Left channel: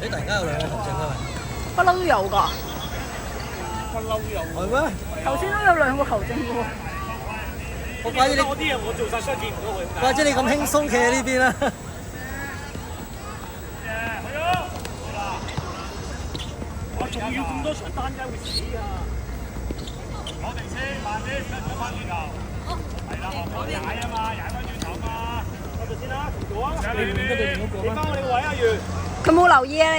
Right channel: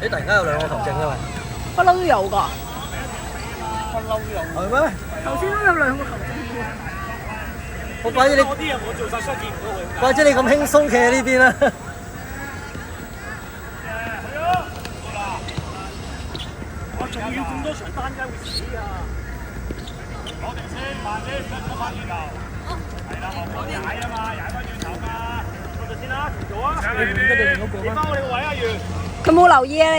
你突然間有兩個球證啊？不嬲都有㗎。不嬲都有。係咩？頭先都有兩個球證喎。怪之你我啲人我做晒，所以見唔到佢。怪之你咁輕鬆企喺呢邊啦。我仲要咁多場單間會死啊！攞定先，慢啲，唔好翻轉頭。係啦，學我踩啊嘛，踩翻轉頭嘛。嗰度先啦，做啊！你唔得就另一個啦。你翻我哋個位啊，袁。佢冇留意啊！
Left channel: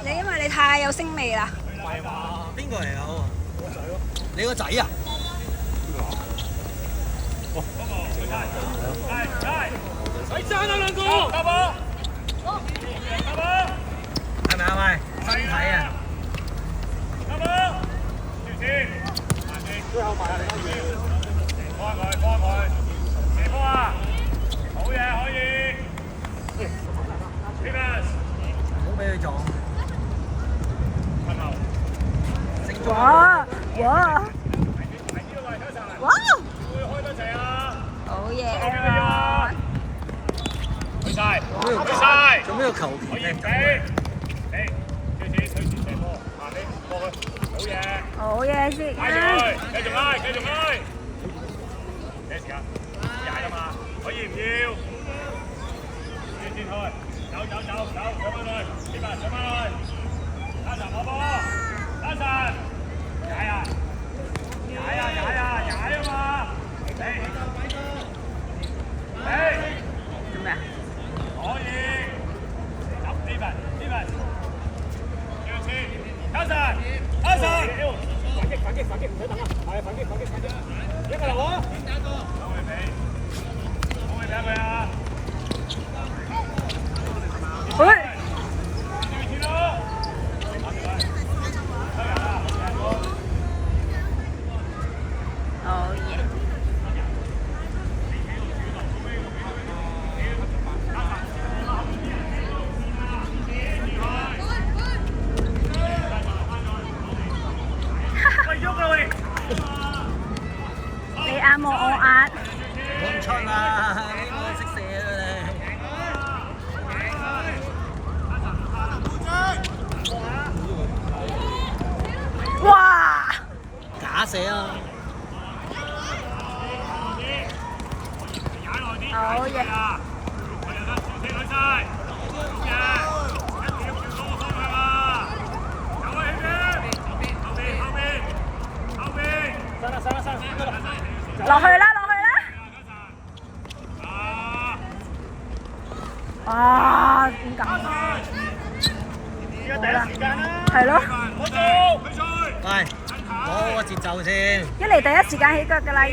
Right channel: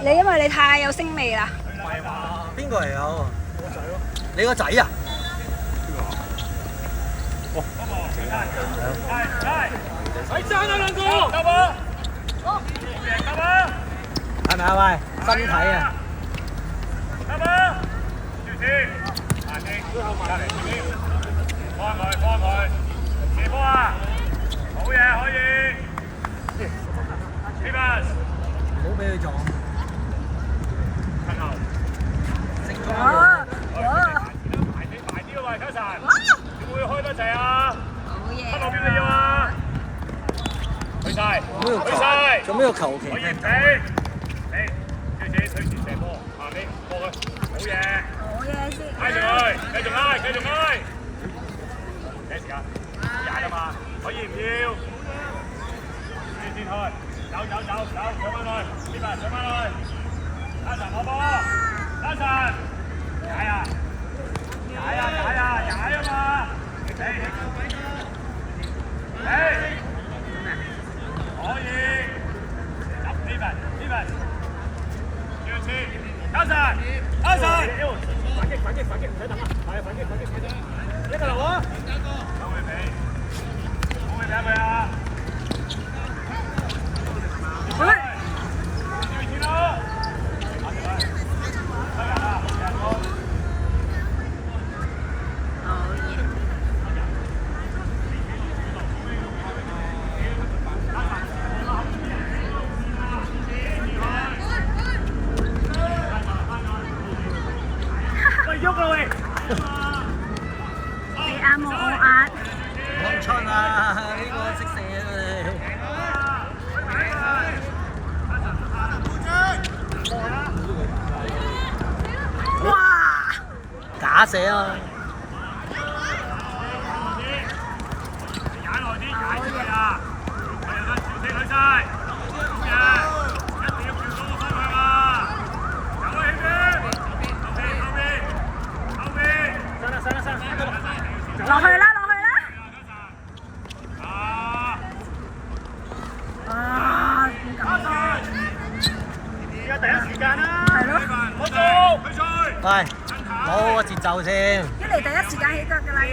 你因為你太有聲味啦。係嘛？邊個嚟啊？我仔咯。你個仔啊？哦，嗰個係，使爭啊兩個，得冇？係咪啊？喂，身體啊！最後埋嚟，幫佢，射波啊！好嘢，可以。唔好俾佢撞。正撞。哇！會開得滯啊！好嘢啊！去晒，咁呢個球旗踢走啊！好嘢先。繼續開。幾時間？踩啊嘛，可以唔要？先開，走，上翻去，呢邊上翻去，拉神攞波，拉神，踩啊嘛，做咩？可以，呢邊，上次，拉神，反擊，唔使等啊，係反擊，一個流啊，可唔可以俾佢啊？喂！好嘢！你眼望我眼。冇出啊！呢個識射啊你！哇！假射啊！好嘢！落去啦！啊！點咁？而家第一時間啦！係咯。喂，攞好個節奏先。一嚟第一時間起腳㗎啦要。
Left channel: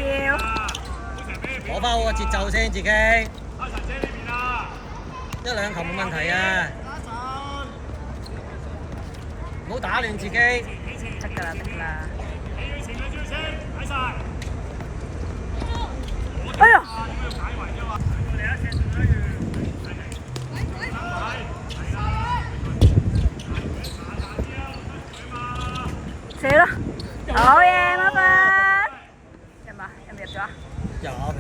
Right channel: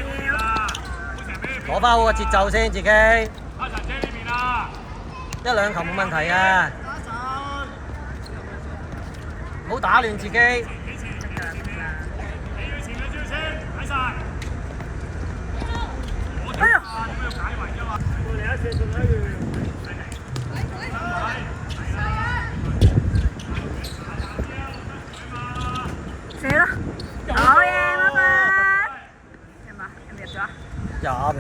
攞翻好個節奏先，自己。一兩球冇問題啊！唔好打亂自己。得㗎啦。哎呀！射啦！好嘢，乜乜？入唔入咗啊？入。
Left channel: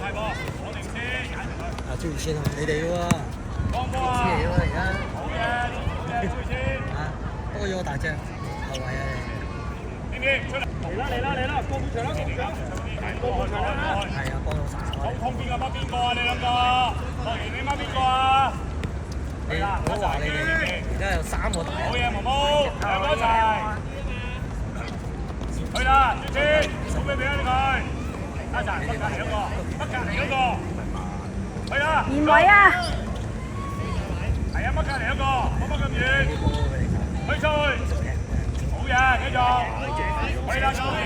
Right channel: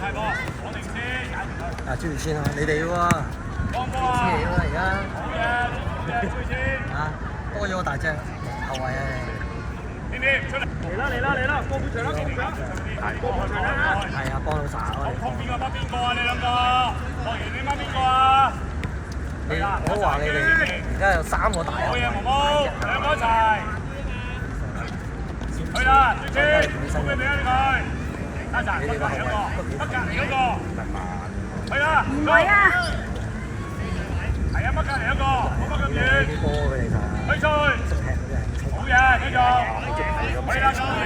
太波，攞定先，啊，朱先啊，你哋喎。幫波啊！而家。好嘅，朱先。啊，多咗個大隻後衞啊！出嚟啦！過半場啦！係啊，幫到晒我哋。邊個掹邊個啊？你兩個，樂園你掹邊個啊？我話你哋而家有3個大。好嘢，毛毛，兩個一齊。去啦，朱先，送俾佢。拉曬，北隔離嗰個，去啦。連位啊！係啊，北隔離嗰個，冇乜咁遠。去出去，好嘢，繼續。去啦，九年。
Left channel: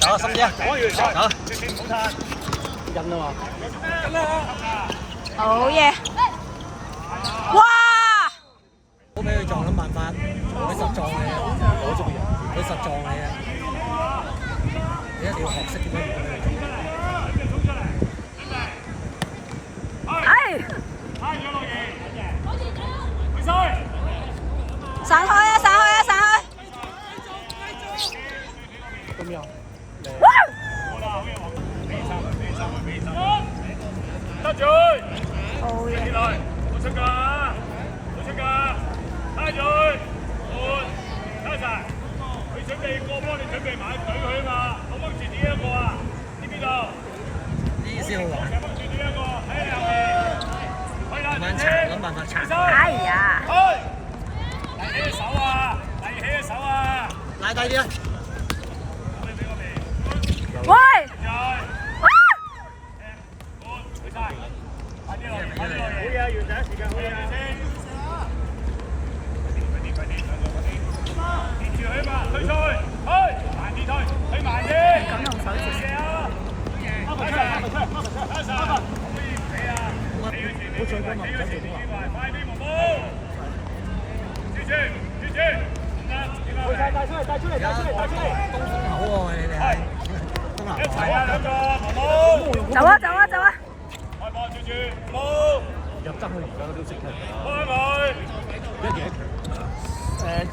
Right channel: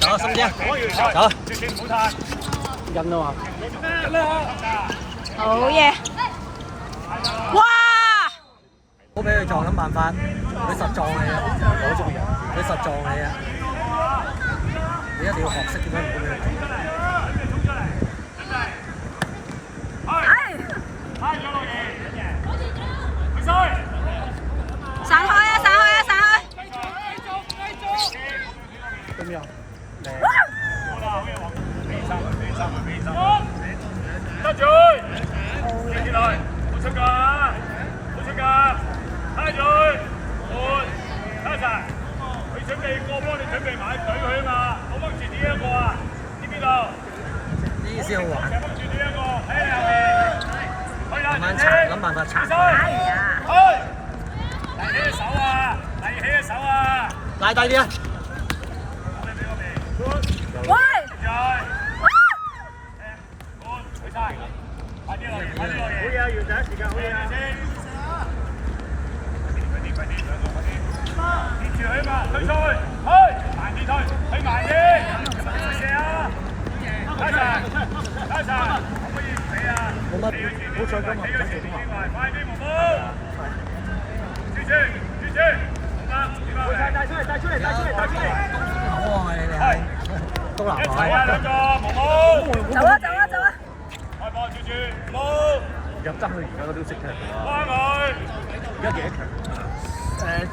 走啊，心姐，走啊！緊啊嘛！好嘢！哇！好俾佢撞，諗辦法。你實撞你啊！你實撞你啊！你一定要學識點樣。哎！咁樣。哇！好啦，好嘢，黃，俾三，得罪，接落嚟，好出㗎，拉住，換，拉晒，佢準備過幫你準備埋隊佢啊嘛，我掹住呢一個啊，知唔知道？呢先好玩。掹住呢一個，喺你後面，去啦，慢拆，諗辦法拆。哎呀！嚟起手啊！拉低啲啊！喂！帶出嚟！好喎，你哋係東南海。走啊！開波住，冇入針佢而家都識嘅。關佢。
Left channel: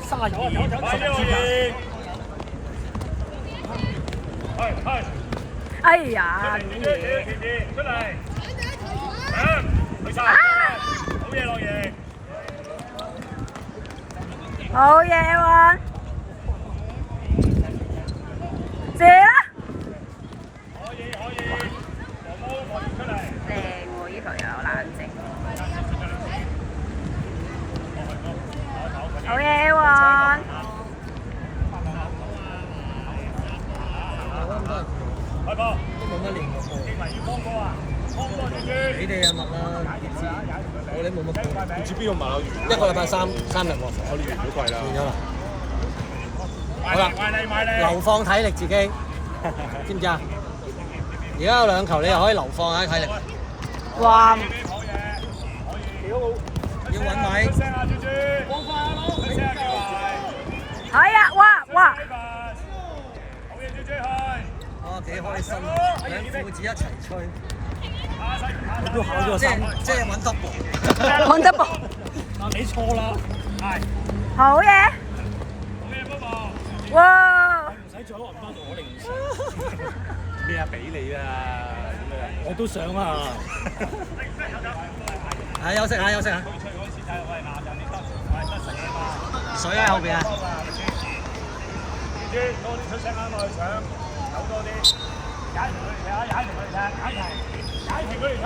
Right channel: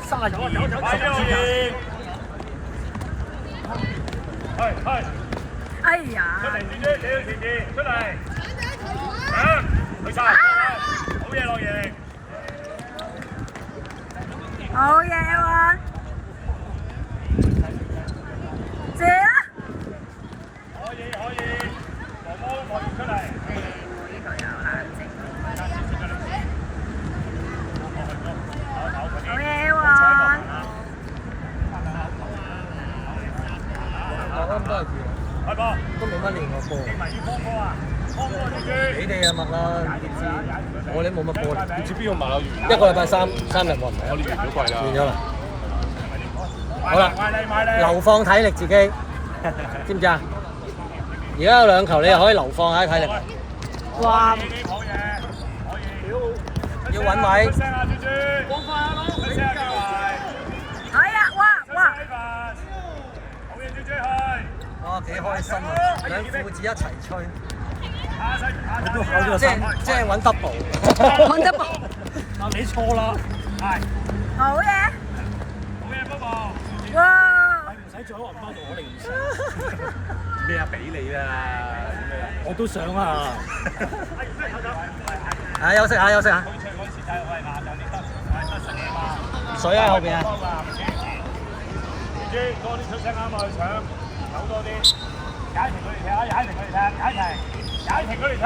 30走！係。哎呀！出嚟！去晒！好嘢，落贏！好嘢喎！射啦！可以，毛毛出嚟。靚喎，呢球又冷靜。好嘢喎！開波！都冇乜練過。你哋就密啦，我哋冇乜過。唔知邊個馬一個禮拜3日喎，我練好貴練咗啦。啦。好啦，流放體力自己，知唔知啊？而家有2球，你又可以流放下體力。哇！要揾位。係啊！哇！哦，幾開心啊！兩父子一齊吹，都考咗即係揾 double。揾得噃！你錯啦，好嘢！哇！唔使再揾翻到我哋唔使。咩啊？俾你啦！我都想啊！休息下。水喺後邊啊！多啲出聲啱落去搶，走多啲，踩停佢哋踢，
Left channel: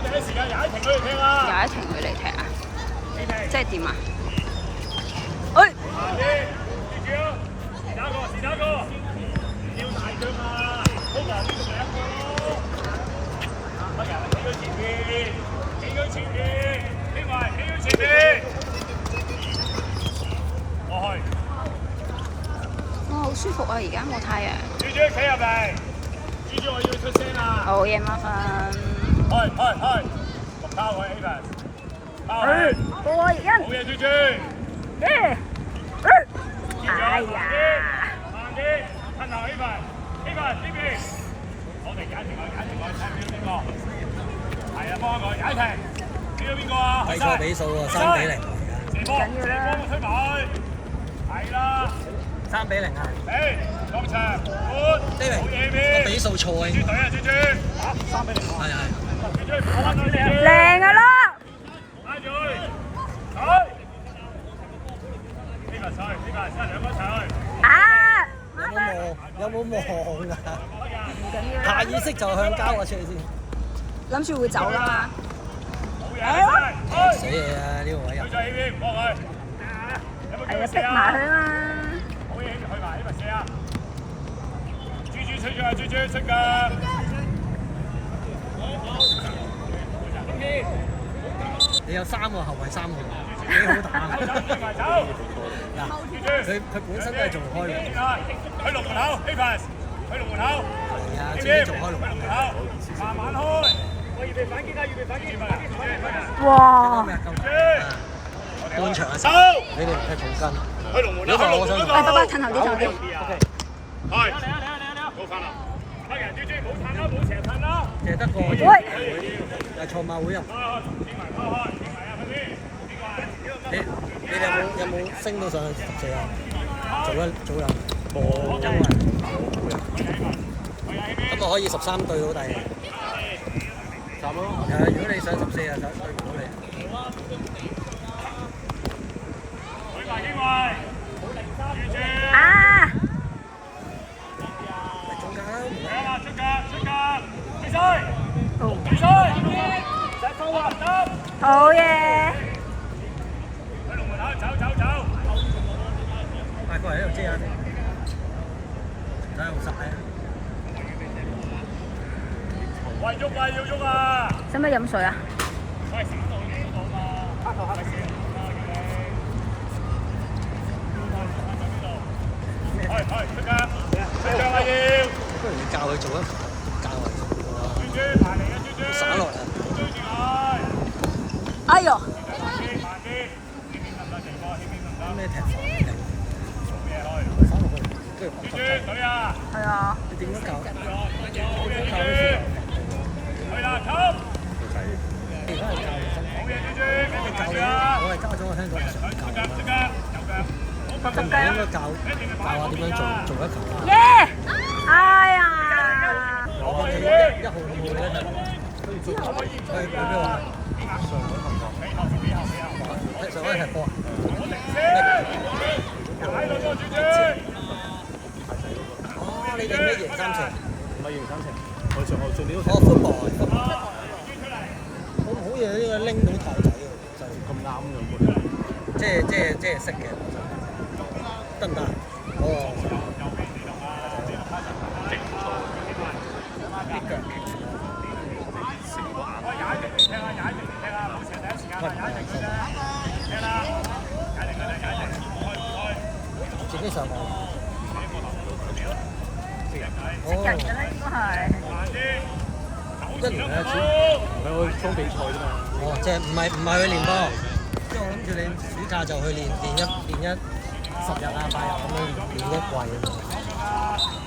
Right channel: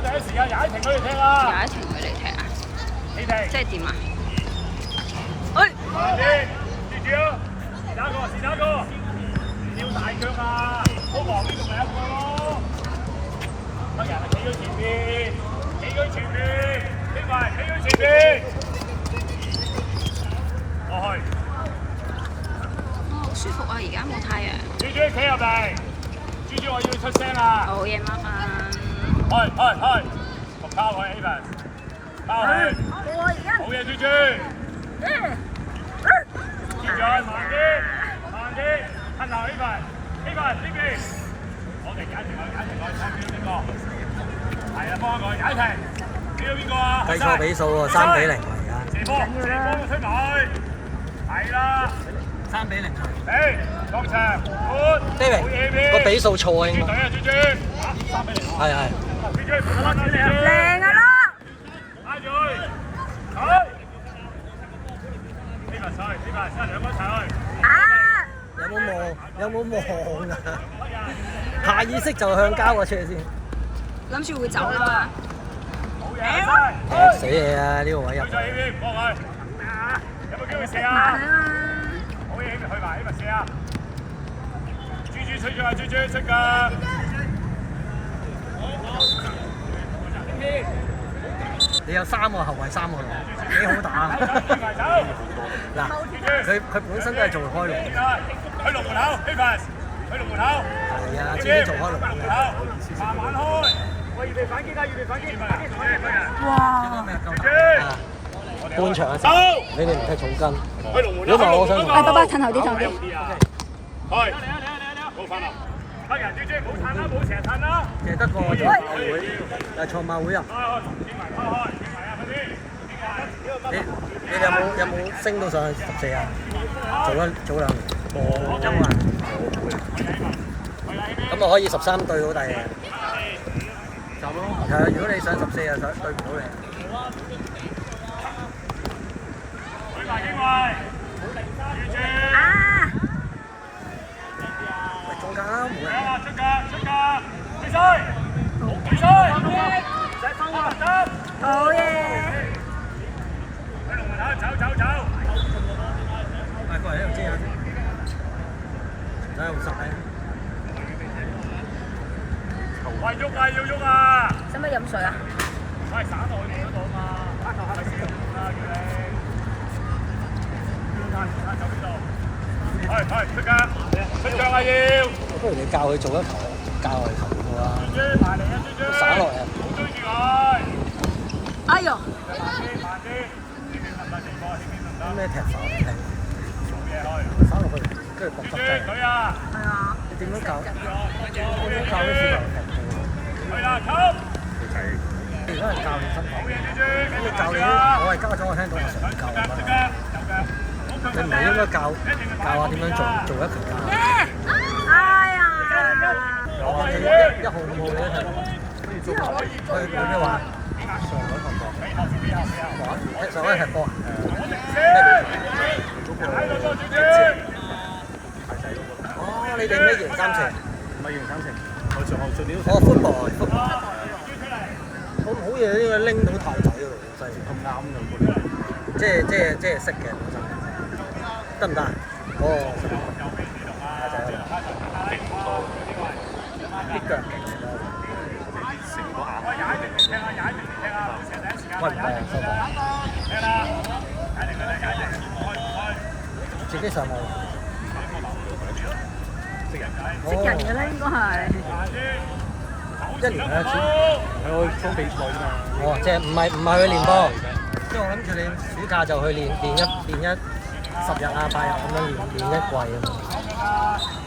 第一時間踩停佢哋踢啊！又一停佢嚟踢啊！你哋即係點啊？哎！慢啲，記住啊！是打個，要大腳啊！中環呢度咪一個咯，乜人企喺前面，企喺前面，落去。哇，好舒服啊！而家冇太陽。豬企入嚟，豬我要出聲啦！好嘢，Marvin。開，交佢 Avan，交佢，過人。好嘢，豬。慢啲，褪後 Avan 呢邊，我哋解停佢，睇邊個？係啊，幫佢解停。呢個邊個啊？去晒。比數喎，3-0而家。緊要啦。出埋，係啦。3-0啊！當場，David，個比數錯啊應該。係。靚噶啦！拉住佢，好。呢個兩個一齊去。啊！有冇望啊？下意識就向交個出嚟先。諗住會走啦嘛。死嘢啊！呢個位入。佢在呢邊，幫佢。係啊，逼埋佢啊嘛。豬出咗啊！豬出㗎。你有3個後衞3個，幾好打。嗱，佢本身都係做開路。去龍門口 ，Avan，去龍門口。係啊，自己做開路。慢慢開。我預備反擊啊！哇！半場嘅時候，你哋唔踢重筋。去龍門口。如果唔係我想誒，爸爸褪後啲，去。高翻啦！黑人豬冇褪啦，冇成褪啦。踢得過。喂！又賽馬會啊！見埋啊！快啲！你有冇升到上去14啊？早兩冇音啊！可以13對好大氣。就咯。係啊，如果你上14啊，對唔到你。舉埋機會，完全。啊！中間。出格，必須，必須，唔使收啊，好嘢！走，快過嚟呢度遮下先。睇用曬。喂，喐啊，要喐啊！使唔使飲水啊？不如你教佢做一排，教佢散落嚟啊！哎呦！咩踢法？係啊，點樣教？我係家長，我聽過想教。應該教下點樣做一球㗎。耶！哎呀！我1號2號啫，佢咩話？上翻踢波。你哋咩型三程？唔係型三程，我上年都我寬內。我好嘢，呢個拎到頭仔喎，咁啱嘅。即係識嘅，得唔得？自己上喎。識人嘅咧，應該係。1年1次。我裝比賽㗎嘛。哦，即係唔係去練波？即係我諗住你暑假就去練10日啊8日咁樣練一季啊嘛。